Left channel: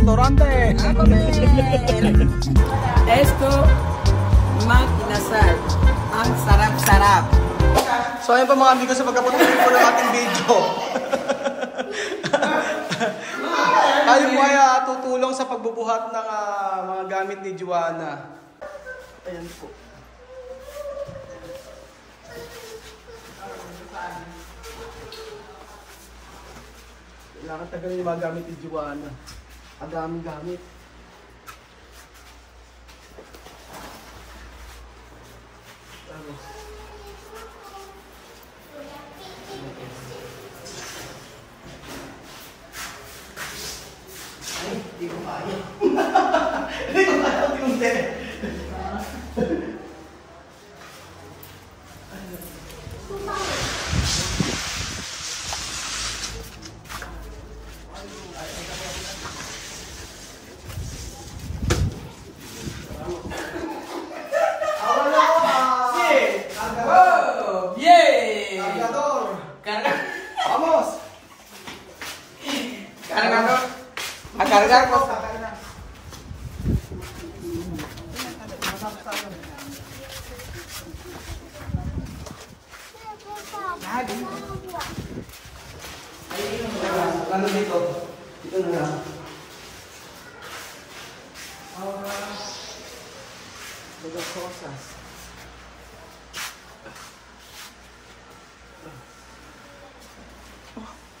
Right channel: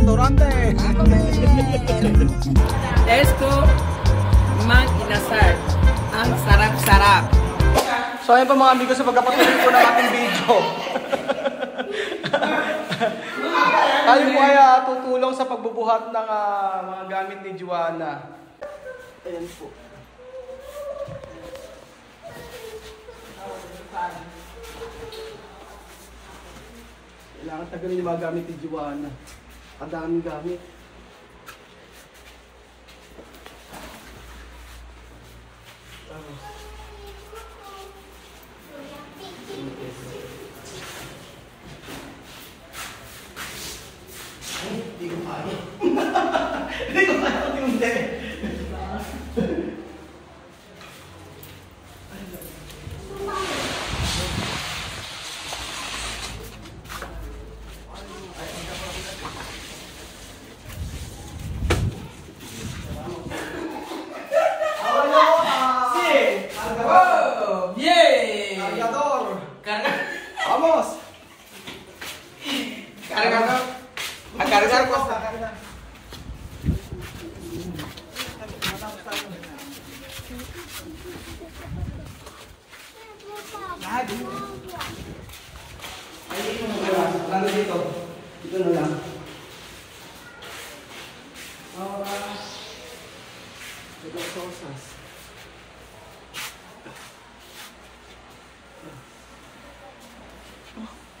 restaurante. Esto, mag-inasal. Ang sarap-sarap. So ayun pa mga amigo, sa pagkapatuloy po ng ating video. Tayo po ay tutulong sa pagbubuhat ng mga gamit ni Joanna. Ayan po. Kailangan tagalin yung mga gamit ni Joanna. Ang daming gamit. Ay, hindi ko kaya. Hindi ko kaya yung hindi. Lalo dito. Dito na lang. Dagat cosas.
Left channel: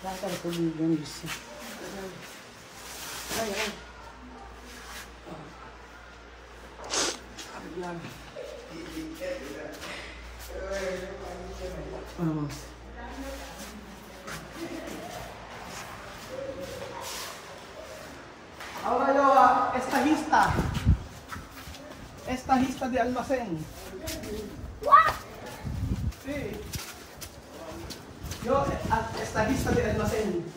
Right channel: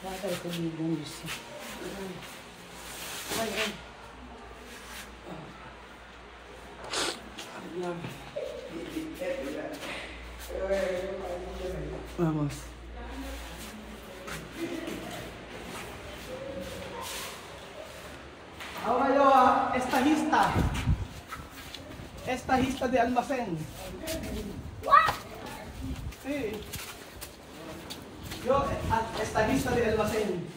Dapat ito yung bisi. Ay, ay. Vamos. Ahora yo estajista. Estajista de almacén. What? Sí. Yo estajista de almacén.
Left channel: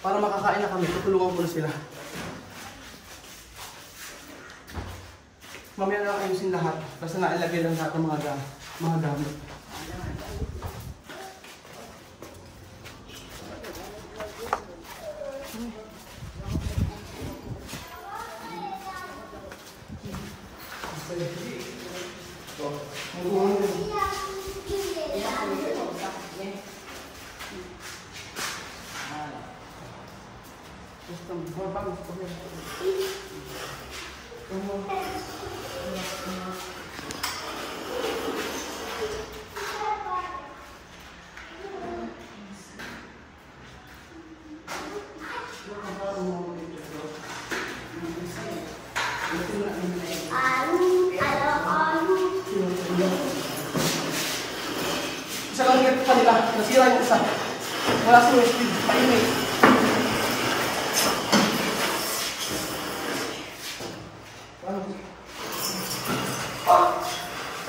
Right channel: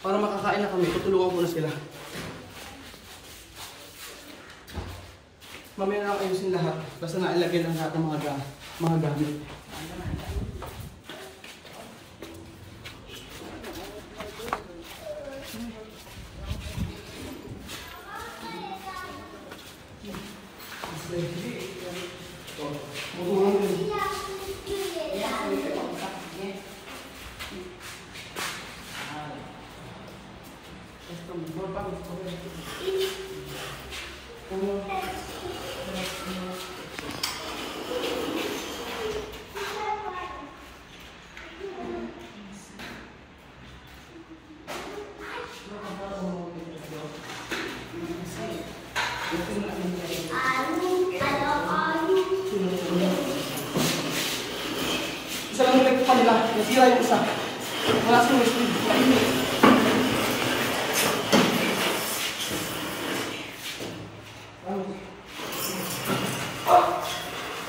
Para makakain na kami, tutulungan ko na sila. Mamaya nga ayusin lahat. Basta nailagay lang lahat ng mga gamit. Isa lang nilagay pa nila. Nasira yung isa. Wala sa speed. Maimik.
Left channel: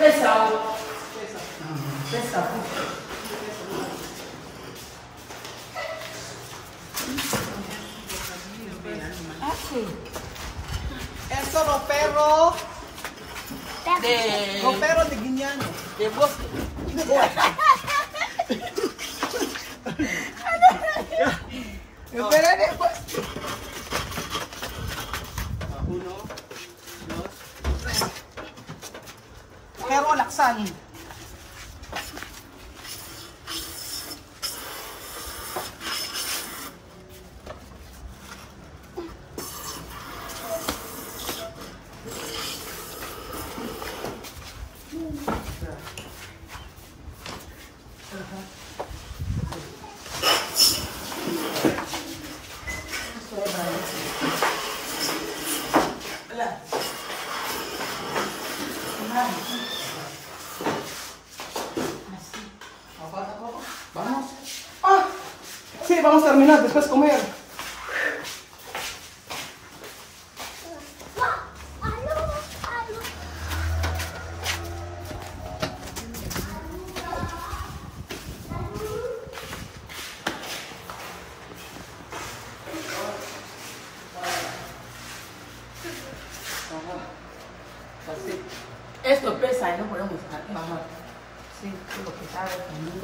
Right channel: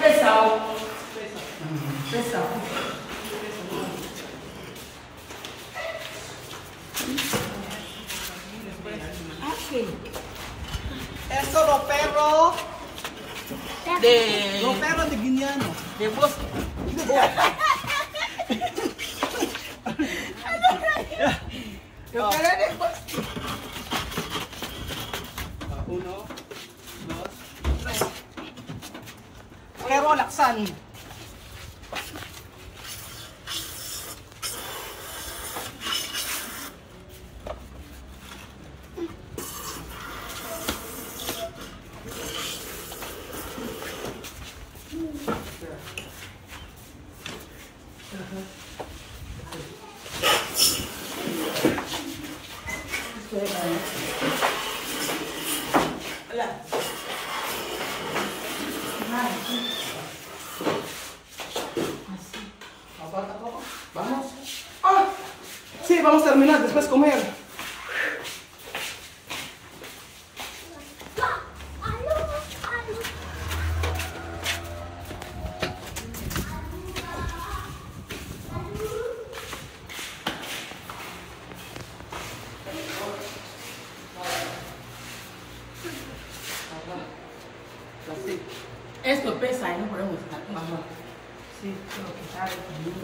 Pesa. Pesa. Pesa. Eso ropero de Guiñano. De vos. Uno, dos, tres. Pero laksan. Vamos. ¡Ah! Sí, vamos a terminar, después comer. Esto pesa y no podemos estar. Sí, lo que sabe también.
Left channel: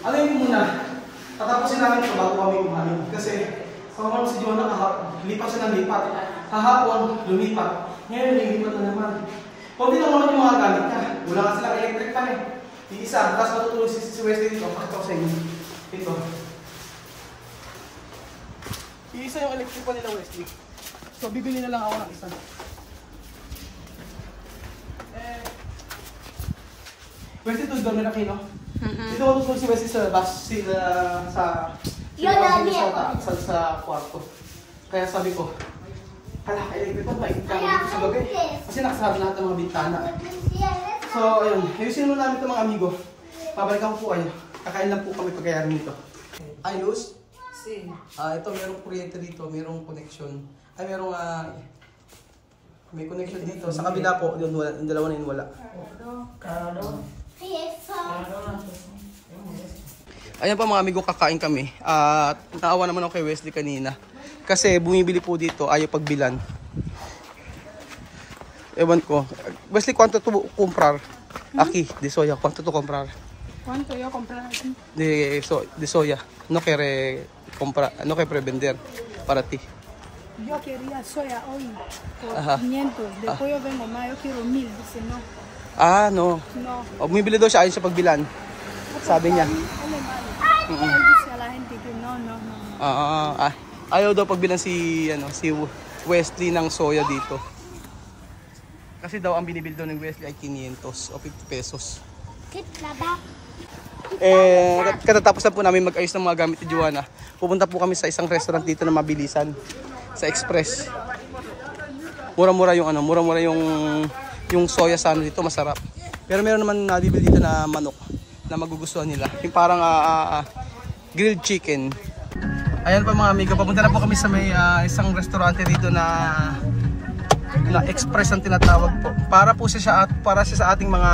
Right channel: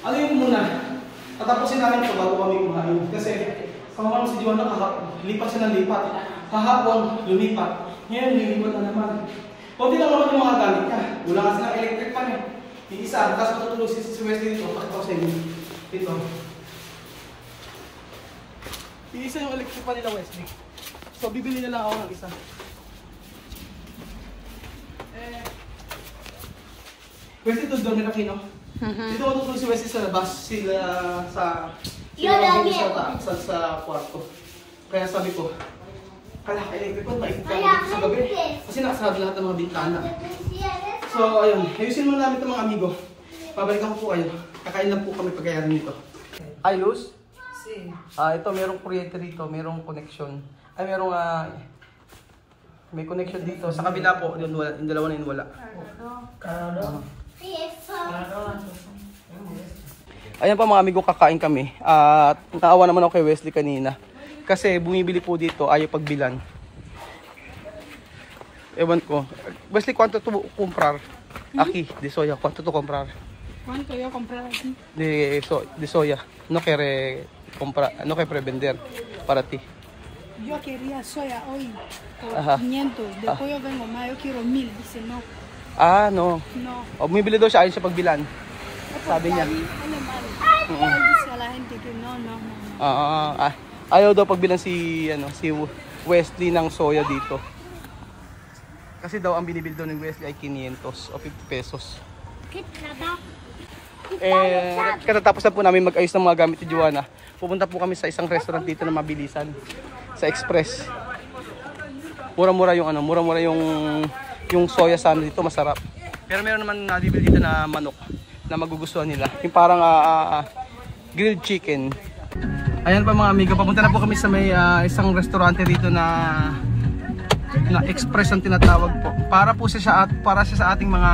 Alam mo muna, tatapusin namin ito bago kami kumain. Kasi, kawaman si Joanna kahapon, lipat siya ng lipat. Kahapon, lumipat. Ngayon, lilipat na naman. Kunti lang naman yung mga galit niya. Wala nga silang electric pan eh. Iisa, tapos matutulog si Wesley dito. Pakita ko sa inyo. Ito. Iisa yung electric pan nila, Wesley. So, bibili na lang ako ng isa. Wesley, ito dormi na kino. Dito ako tutulog si Wesley sa labas. Sa kwarto. Kaya sabi ko, kala electric ko, maikot ka dito sa gabi. Kasi nakasarado lahat ng mga bintana. So, ayun. Ayusin muna namin ito mga amigo. Pabalikan ko po kayo. Kakain lang po kami pagkayari nito. Ayos? Sí. Ito, merong kuryente dito. Merong connection. Ay, merong may connection dito. Sa kabila po, yung dalawa na yun wala. Ayan pa mga amigo, kakain kami. At naawa naman ako kay Wesley kanina. Kasi bumibili po dito, ayaw pagbilan. Ewan ko. Wesley, ¿cuánto tu comprar? Aquí, de soya. ¿Cuánto tu comprar? ¿Cuánto yo comprar aquí? De soya. No quiere comprar, no quiere vender para ti. Yo quería soya hoy por Ajá. 500. Después yo vengo más, yo quiero 1000. Dice no. No. No. O, bumibili daw siya, ayaw siya pagbilan. Sabi niya. Él es malo. Él dice a la gente que no. Ayaw daw pagbilan si Wesley ng soya dito. Kasi daw ang binibili daw ng Wesley ay 500 o 50 pesos. Katatapos na po namin mag-ayos ng mga gamit ni Joanna. Pupunta po kami sa isang restaurant dito na mabilisan. Sa Express. Mura-mura yung soya sana dito, masarap. Pero meron naman nabibili dito na manok na magugustuhan nila. Yung parang grilled chicken. Ayan pa mga amiga, papunta na po kami sa may isang restaurante dito na Express ang tinatawag po. Para siya sa ating mga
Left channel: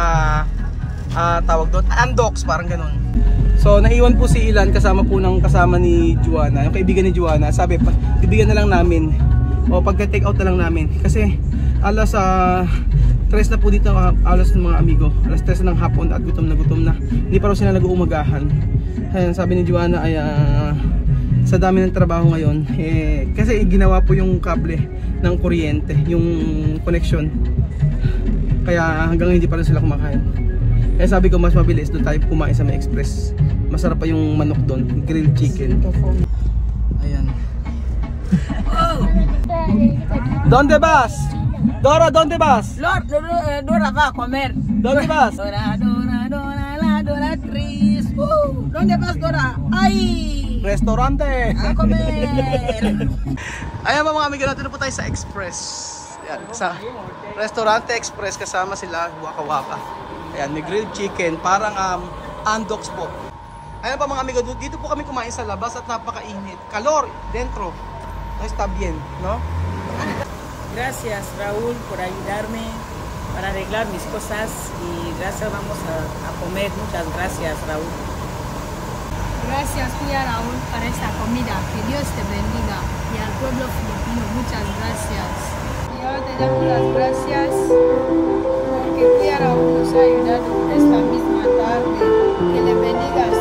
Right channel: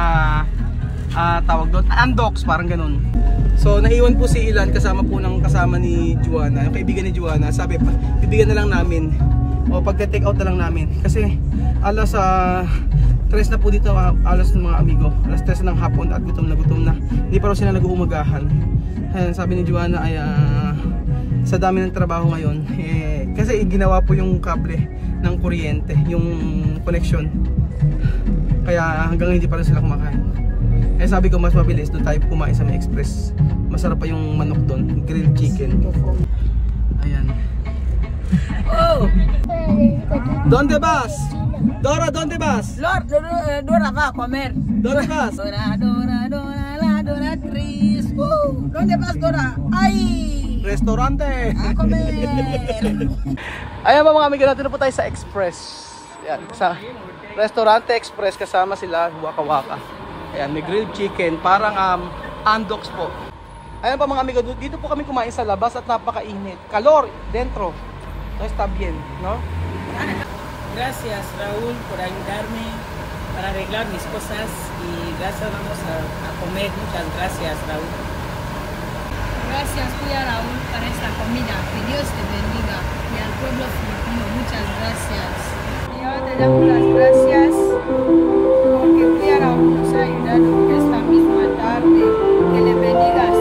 tawag doon, Andox, parang ganun. So naiwan po si Ilan kasama ni Joanna, yung kaibigan ni Joanna. Sabi pa, kaibigan na lang namin o pagka-take out na lang namin. Kasi alas 3 na po dito, alas ng mga amigo. Alas 3 ng hapon at gutom na. Hindi pa raw sila nag-uumagahan. Ayan, sabi ni Joanna ay sa dami ng trabaho ngayon. Kasi ginawa po yung kable ng kuryente, yung connection. Kaya hanggang hindi pa rin sila kumakain. Sabi ko mas mabilis doon tayo kumain sa may Express. Masarap pa yung manok doon, grilled chicken. Ayan. Oh! ¿Dónde vas? Dora, ¿dónde vas? Dora va a comer. ¿Dónde vas? Dora, Tris. ¿Dónde vas, Dora? ¡Ay! Restaurante! A comer! Ayan ba mga amigo, natin na po tayo sa Express. Ayan, sa Restaurante Express kasama sila Waka Waka. Ayan, may grilled chicken, parang Andox po. Ayan pa mga amigo, dito po kami kumain sa labas at napakainit. Calor dentro. Está bien, ¿no? Gracias, Raúl, por ayudarme para arreglar mis cosas y gracias, vamos a comer. Muchas gracias, Raúl. Gracias, tía Raúl, para esa comida. Que Dios te bendiga. Y al pueblo filipino, muchas gracias. Y yo te damos las gracias porque tía Raúl nos ha ayudado esta misma tarde. Que le bendigas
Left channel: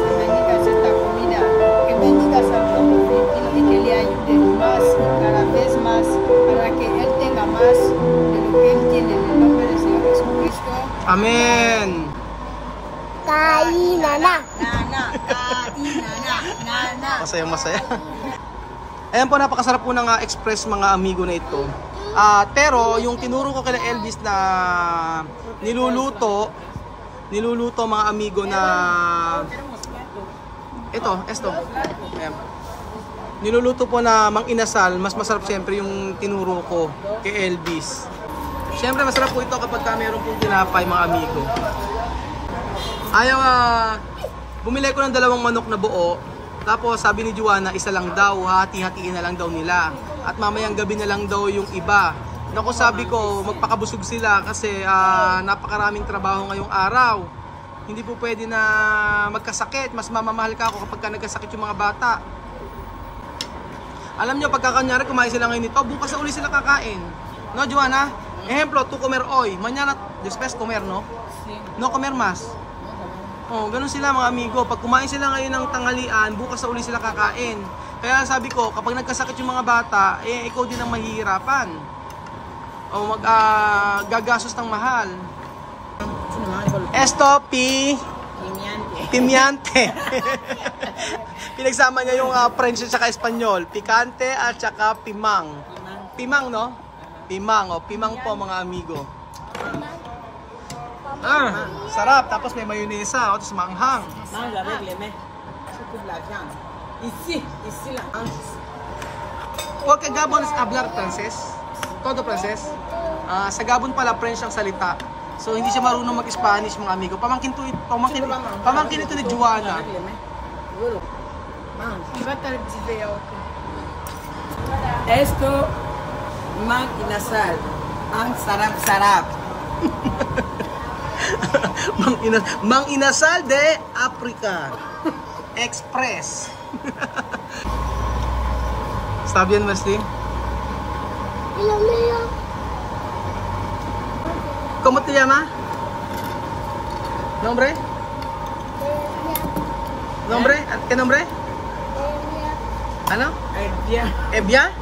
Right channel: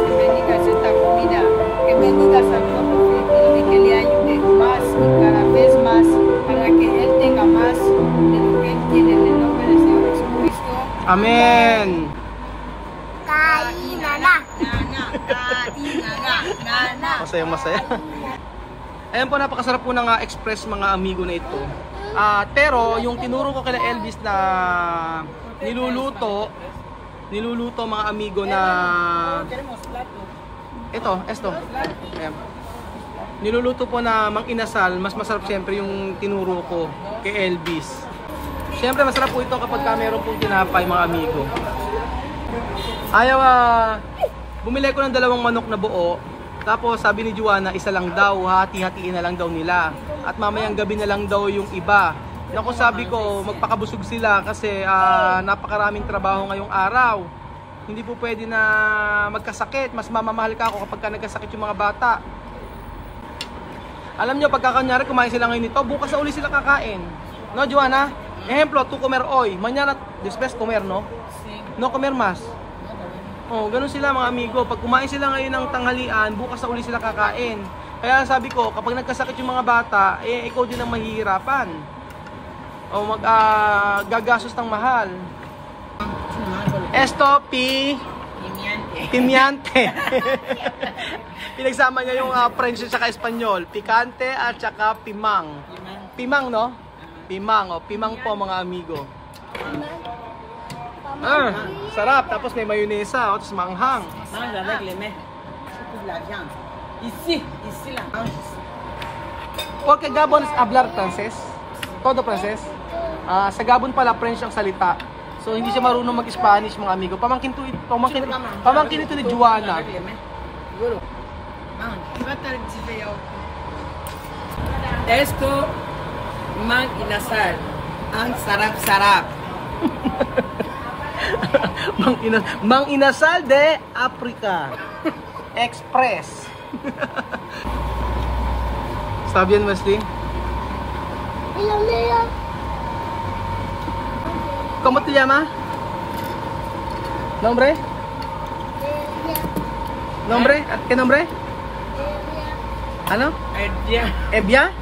esta comida. Que bendigas al pueblo filipino y que le ayude más, cada vez más, para que él tenga más de lo que él tiene en el nombre del Señor Jesucristo. Amen! Masaya. Ayan po, napakasarap po ng Express mga amigo na ito. Pero yung tinuro ko kay Elvis na niluluto mga amigo na esto. Ayan. Niluluto po na mang inasal, mas masarap siyempre yung tinuro ko kay Elvis. Siyempre masarap po ito kapag meron pong tinapay mga amigo. Bumili ko ng 2 manok na buo. Tapos sabi ni Joanna, isa lang daw, hati-hatiin na lang daw nila. At mamayang gabi na lang daw yung iba. Naku, sabi ko, magpakabusog sila kasi napakaraming trabaho ngayong araw. Hindi po pwede na magkasakit. Mas mamamahal ka ako kapag nagkasakit yung mga bata. Alam nyo, pagka kanyari kumain sila ngayon nito, bukas na uli sila kakain. No, Joanna? Ejemplo, tú comer hoy, mañana después comer, no? Sí. No comer más. Oh, ganun sila mga amigo. Pag kumain sila ngayon ng tanghalian, bukas na uli sila kakain. Kaya sabi ko, kapag nagkasakit yung mga bata, ikaw din ang mahihirapan. O gagastos ng mahal. Esto, pimiante. Pinagsama niya yung French at saka Espanyol. Pikante at saka pimang. Pimang, no? Pimang, pimang po mga amigo. Sarap. Tapos may mayonesa, tapos manghang. Porque Gabon es hablar francés. Todo francés. Sa Gabon pala French ang salita. So hindi siya marunong mag-Spanish mga amigo. Pamangkin ito ni Juana. Esto, mang inasal. Ang sarap-sarap. Mang inasal de Africa Express. Sabi yan, Wesley? ¿Cómo te llama? ¿Nombre? ¿Nombre? ¿Qué nombre? Ano? Evia?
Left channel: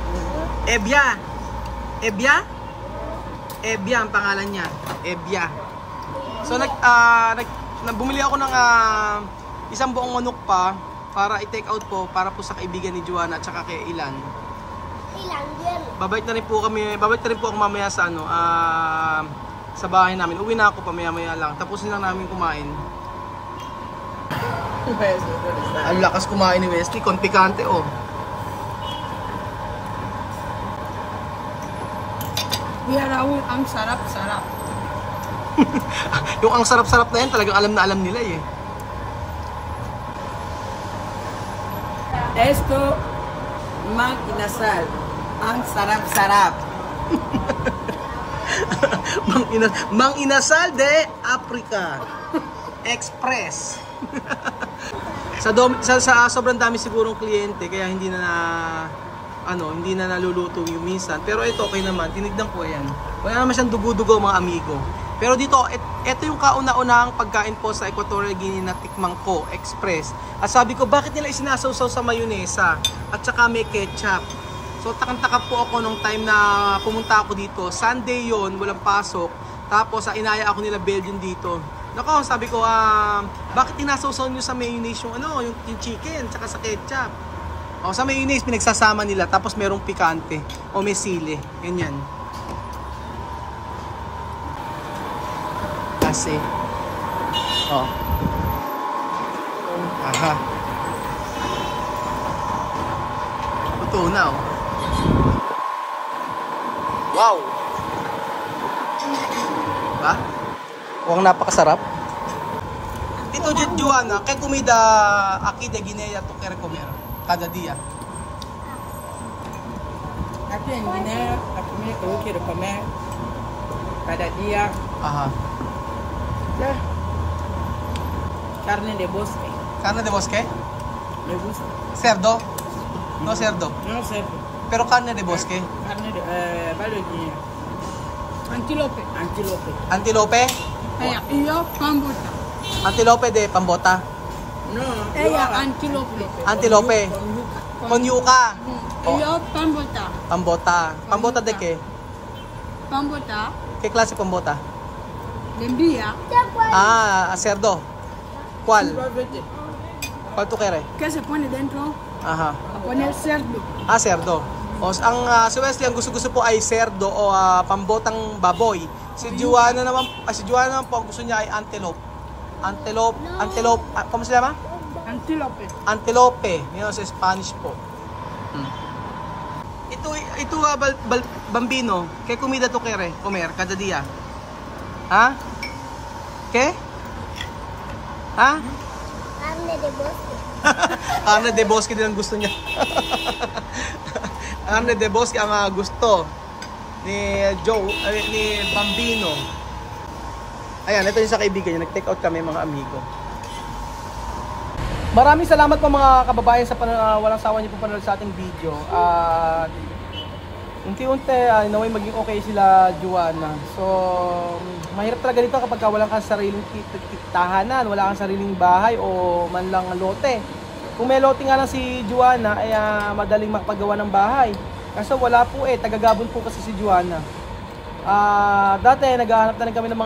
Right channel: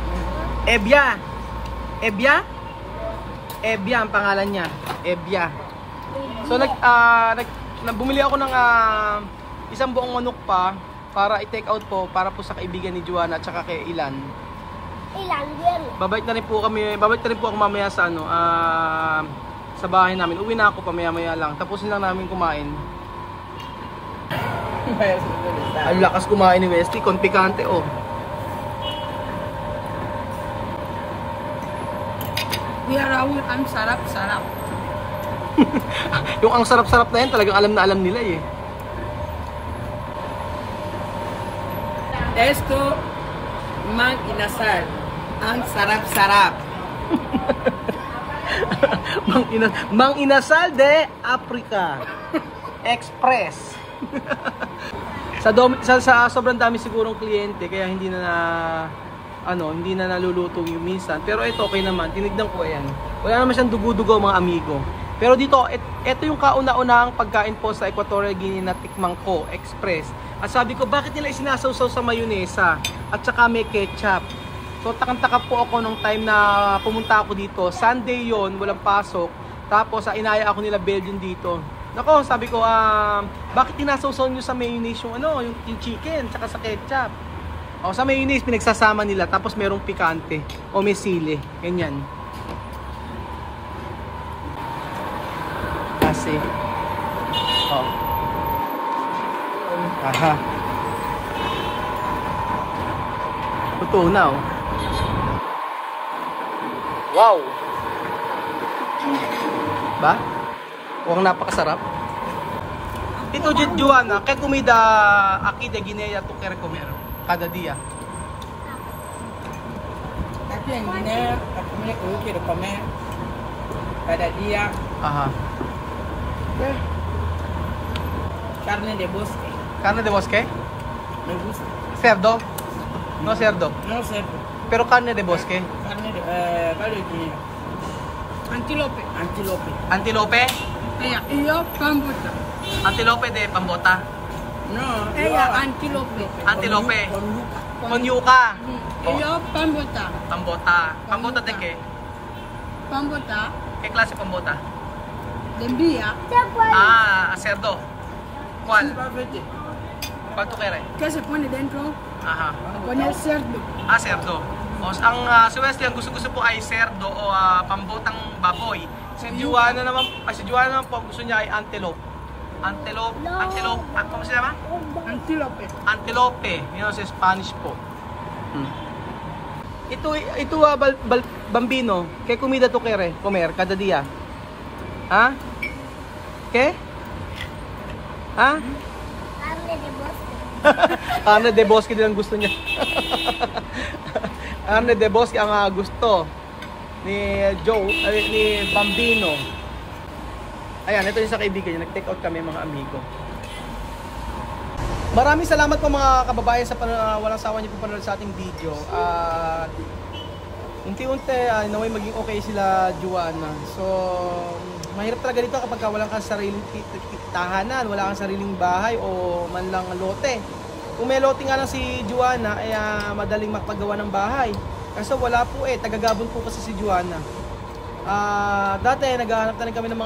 Evia ang pangalan niya. Evia. So bumili ako ng isang buong manok pa para i-take out po para po sa kaibigan ni Juana at saka kay Ilan. Babalik na rin po ako mamaya sa sa bahay namin. Uwi na ako pamaya-maya lang. Tapusin lang namin kumain. Ang lakas kumain ni Wesley, konpikante oh. Kuya Raul, ang sarap-sarap. Yung ang sarap-sarap na yan, talagang alam na alam nila eh. Esto, mang inasal. Ang sarap-sarap. Mang inasal de Africa Express. sa sobrang dami sigurong kliyente kaya hindi na naluluto yung minsan. Pero ito okay naman, tinignan ko yan. Wala naman siyang dugo-dugo mga amigo. Pero dito, ito yung kauna-unahang pagkain po sa Equatorial Guinea na tikmang ko, Express. At sabi ko, bakit nila isinasawsaw sa mayonesa at saka may ketchup? So takang-taka po ako nung time na pumunta ako dito. Sunday yon, walang pasok. Tapos inaya ako nila Belgium dito. Nako, sabi ko, bakit tinasawsaw nyo sa mayonnaise yung chicken tsaka sa ketchup? O sa mayonnaise pinagsasama nila tapos merong pikante o may sili. Ganyan. Kasi aha. Totoo na oh. Wow. Ba? Mukhang napakasarap. Ito Juana, kay comida aquí de Guinea tu quieres comer cada día. Aquí en Guinea, la comida que yo quiero comer cada día. Ajá. Carne de bosque. Carne de bosque? Me gusta. Cerdo? No cerdo. No cerdo. Pero carne de bosque. Carne de Guinea. Antílope. Antílope. Antilope? Y yo, pambota. Antilope de pambota. No. Ella, antílope. Antilope. Con yuca. Y yo, pambota. Pambota. Pambota de qué? Pambota. ¿Qué clase de pambota? De envía. Cerdo. ¿Cuál? ¿Cuál tú quieres? ¿Qué se pone dentro? Aha. A poner cerdo. Cerdo. O, si Wesley, ang gusto po ay cerdo o pambotang baboy. Si Juana naman po, ang gusto niya ay antelope. Antelope, ¿cómo se llama? Antílope. Antelope. Yun sa Spanish po. Ito Bambino, ¿qué comida tú quieres comer cada día? ¿Ah? ¿Qué? ¿Ah? Carne de bosque. Carne de bosque din ang gusto niya. Carne de bosque ang gusto ni ni Bambino. Ayan, ito yung sa kaibigan niya. Nag-take out kami mga amigo. Maraming salamat po mga kababayan sa walang sawa niyo po panonood sa ating video. unti-unti naway maging okay sila Juana. So mahirap talaga dito kapag wala kang sariling tahanan, wala kang sariling bahay o man lang lote. Kung may lote nga lang si Juana ay madaling makapagawa ng bahay. Kasi wala po tagagabon po kasi si Juana. Dati naghahanap na rin kami ng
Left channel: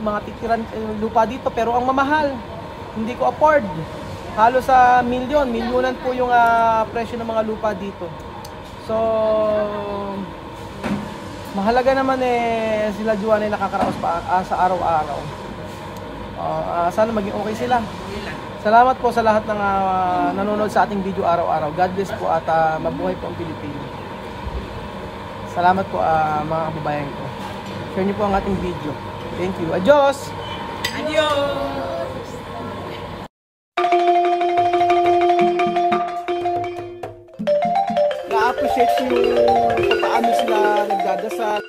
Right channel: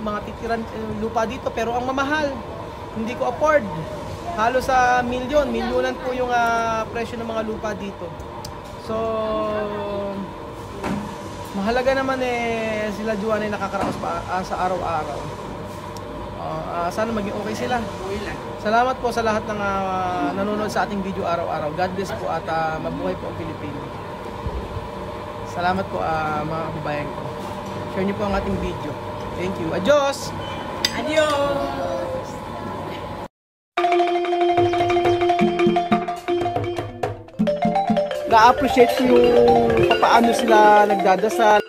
mga titiran lupa dito pero ang mamahal. Hindi ko afford. Halos sa milyonan po yung presyo ng mga lupa dito. So mahalaga naman sila Juana ay nakakaraos pa sa araw-araw. Sana maging okay sila. Salamat po sa lahat ng nanonood sa ating video araw-araw. God bless po at mabuhay po ang Pilipino. Salamat po mga kababayan ko. Share niyo po ang ating video. Thank you. Adios! Adios! Na-appreciate ko yung paano sila nagdadasal.